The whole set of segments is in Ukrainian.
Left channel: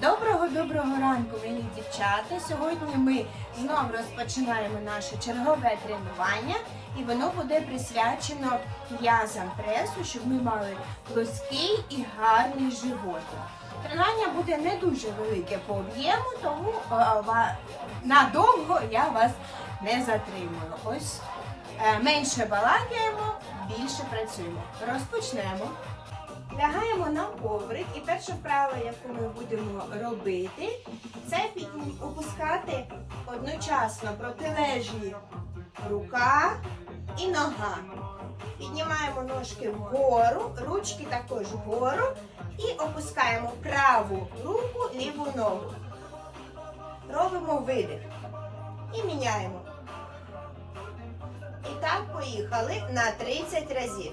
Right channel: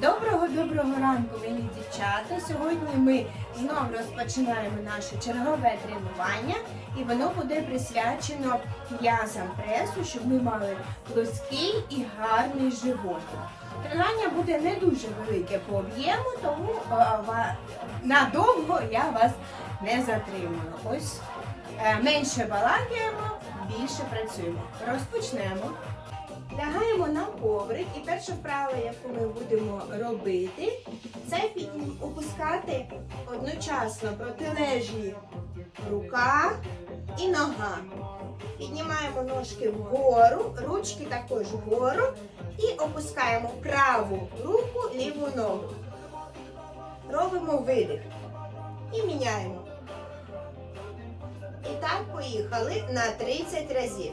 Доброго-доброго ранку, мої дівчата. Сьогодні ми знову розпочинаємо наше чергове тренування, і воно буде присвячено м'язам пресу, щоб ми мали плоский і гарний живот. Тренування буде не дуже велике по об'єму, тому надовго я вас не затримую. Ось е, менше балакаємо, більше працюємо. Розпочнемо. Лягаємо на коврик і перша вправа, яку ми будемо робити, це опускати одночасно протилежні рука і нога. Піднімаємо ножки вгору, ручки також вгору і опускаємо праву руку, ліву ногу. Робимо видих і міняємо. І так поїхали на 30 разів.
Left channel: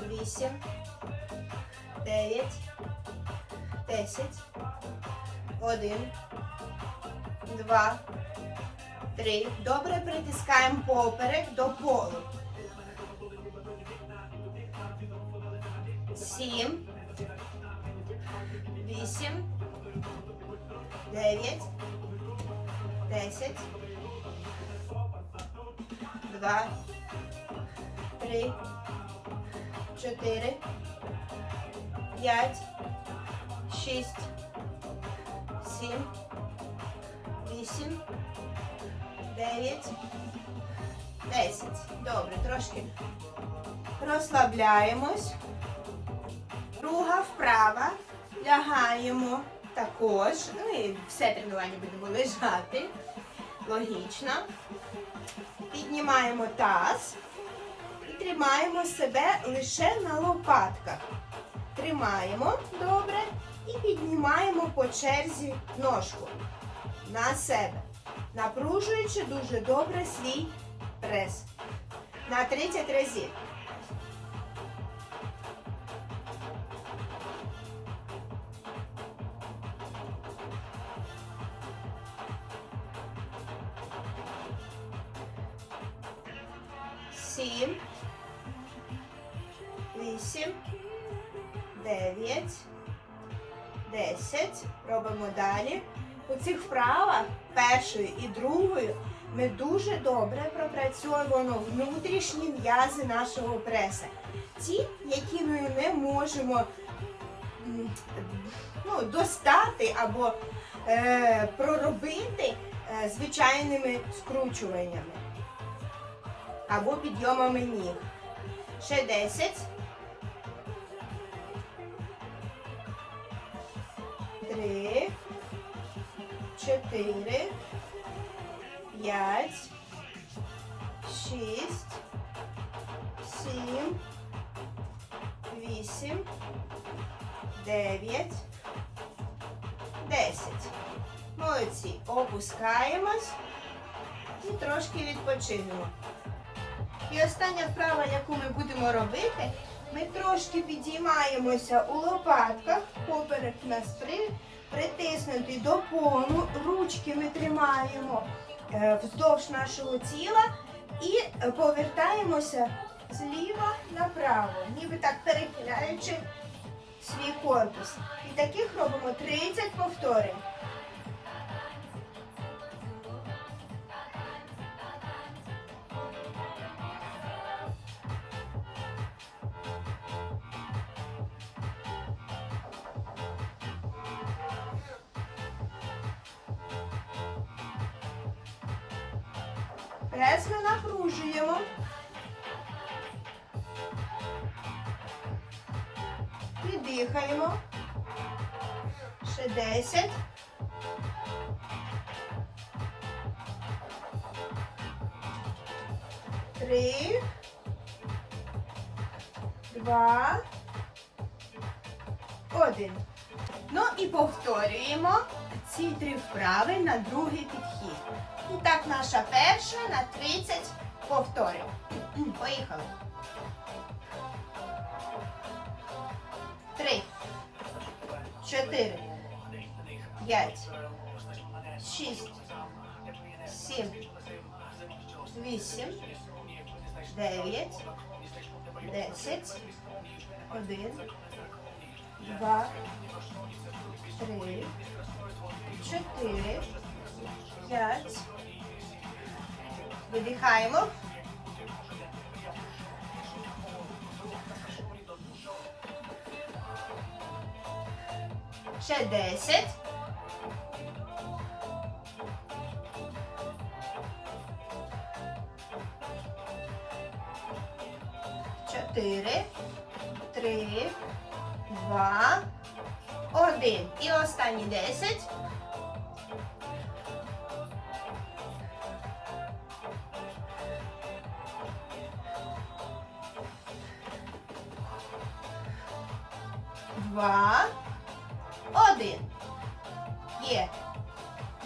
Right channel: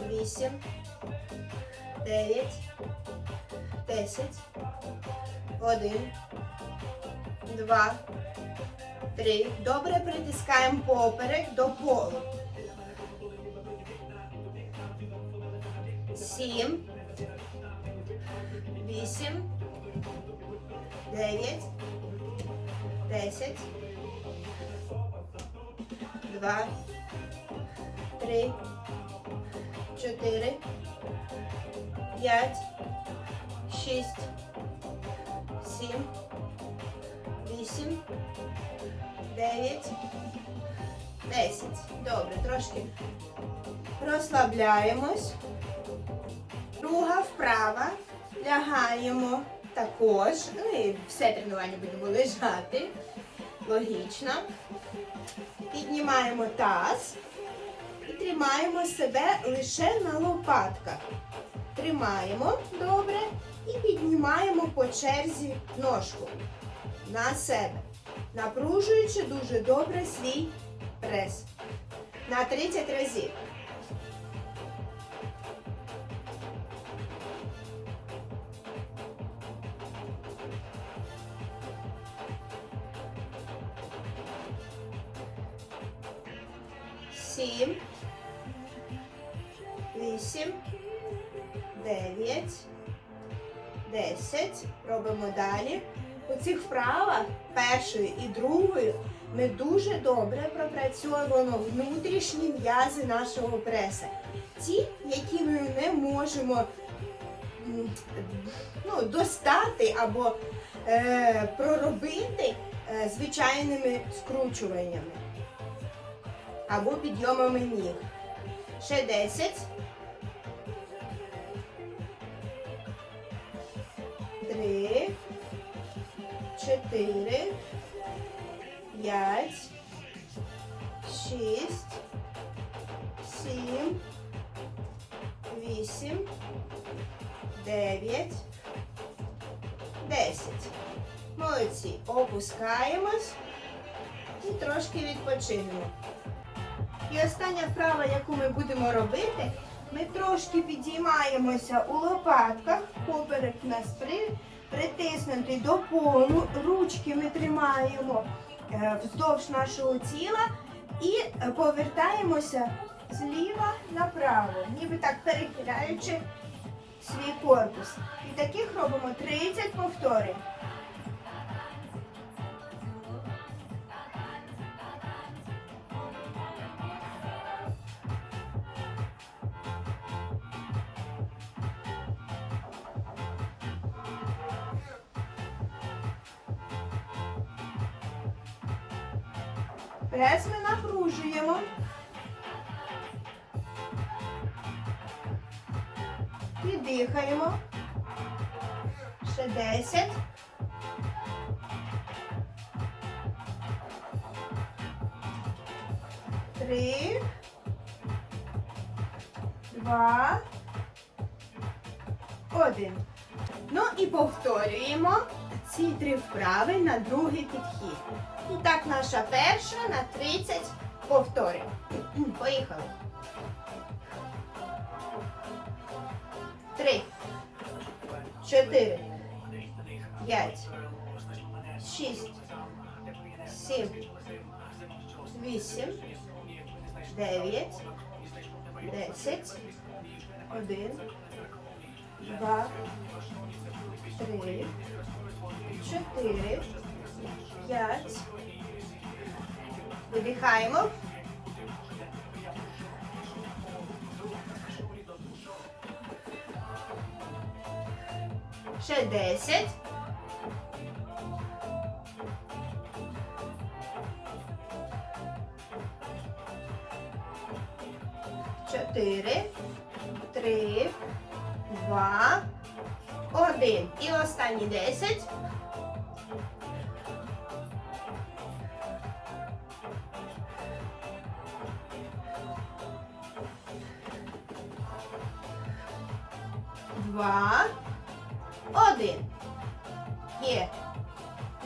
вісім, дев'ять, десять, один, два, три. Добре притискаємо поперек до полу. Сім, вісім, дев'ять, десять, два, три чотири, п'ять, шість, сім, вісім, дев'ять, десять. Добре, трошки розслабляємось. Друга вправа. Лягаємо також. Ну і все тренування будемо лежати. Логічно. Піднімаємо таз тримаємо себе лише на лопатках. Тримаємо добре і піднімаємо по черзі ножку на себе, напружуючи дуже добре свій прес. На 30 разів. Сім вісім, дев'ять, десять. Робимо далі. У цих вправах першою і другою ми дуже добре пропрацьовуємо внутрішні м'язи нашого преса. Ті, які ми не можемо ну, достати або е, проробити е, звичайними скручуваннями або підйомами ніг. Ще 10. Три, чотири, п'ять, шість, сім, вісім, дев'ять, десять. Молодці. Опускаємось і трошки відпочинемо. І остання вправа, яку ми будемо робити, ми трошки підіймаємося у лопатках, поперек у нас при, притиснутий до полу, ручки ми тримаємо е, вздовж нашого тіла і е, повертаємося зліва направо, ніби так перехиляючи свій корпус. І таких робимо 30 повторень. Ми напружуємо. Піддихаємо. Ще 10. Три. два, один. Ну і повторюємо ці три вправи на другий підхід. І так, наша перша на 30 повторів. Поїхали. Три, чотири, п'ять, шість, сім, вісім, дев'ять, десять, один, два, три, чотири, п'ять. Видихаємо. Ще десять. Чотири, три, два, один. І останні десять. Два, один. Є.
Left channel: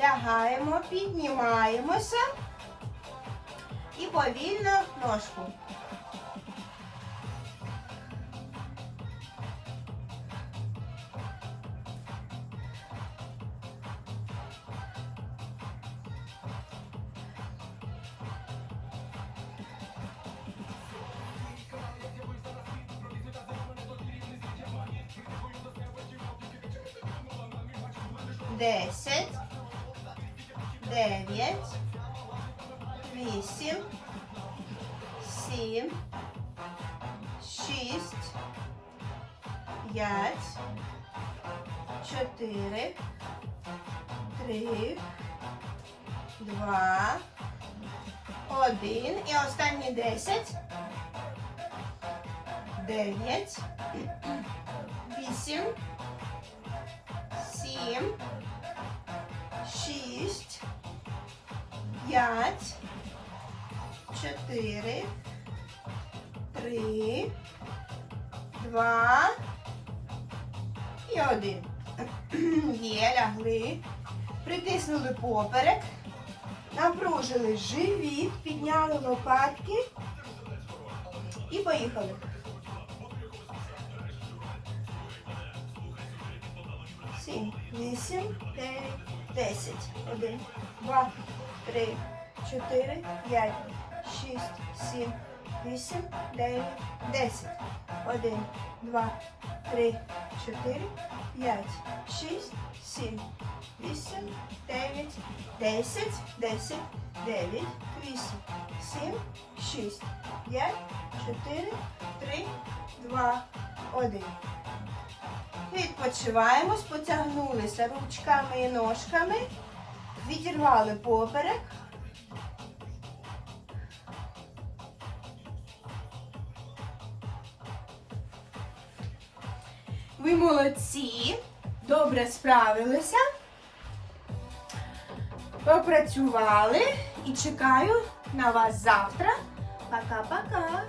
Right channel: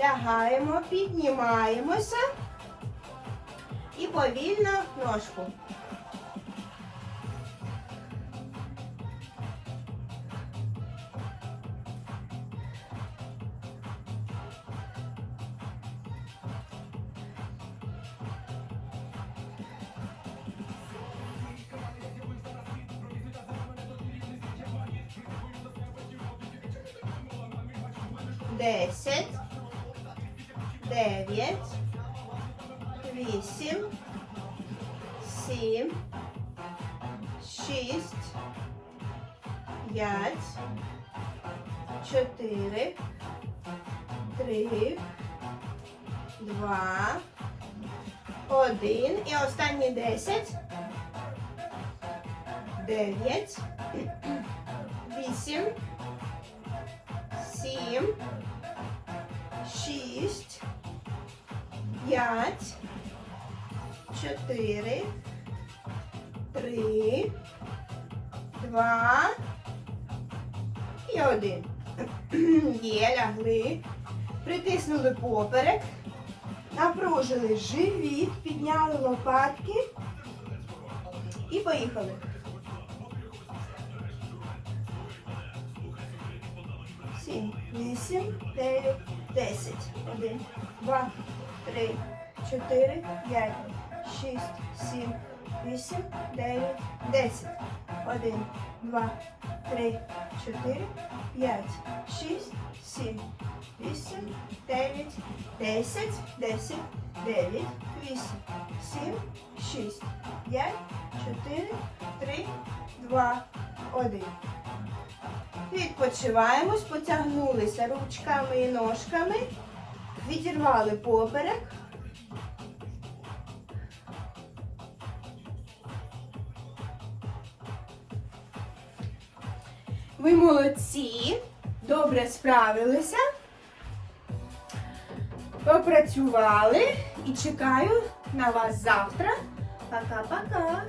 Лягаємо, піднімаємося і повільно ножку. Десять, дев'ять, вісім, сім, шість, п'ять, чотири, три, два, один. І останні десять, дев'ять, вісім, сім, шість, п'ять, чотири, три, два і один. Є, лягли. Притиснули поперек, напружили живіт, підняли лопатки і поїхали. Сім, вісім, дев'ять, десять. Один, два, три, чотири, п'ять, шість, сім, вісім, дев'ять, десять. Один, два, три, чотири, п'ять, шість, сім, вісім, дев'ять, десять, десять, дев'ять, вісім, сім, шість, п'ять, чотири, три, два, один. Відпочиваємось, потягнулися ручками і ножками, відірвали поперек. Ви молодці, добре справилися. Попрацювали і чекаю на вас завтра. Пока-пока.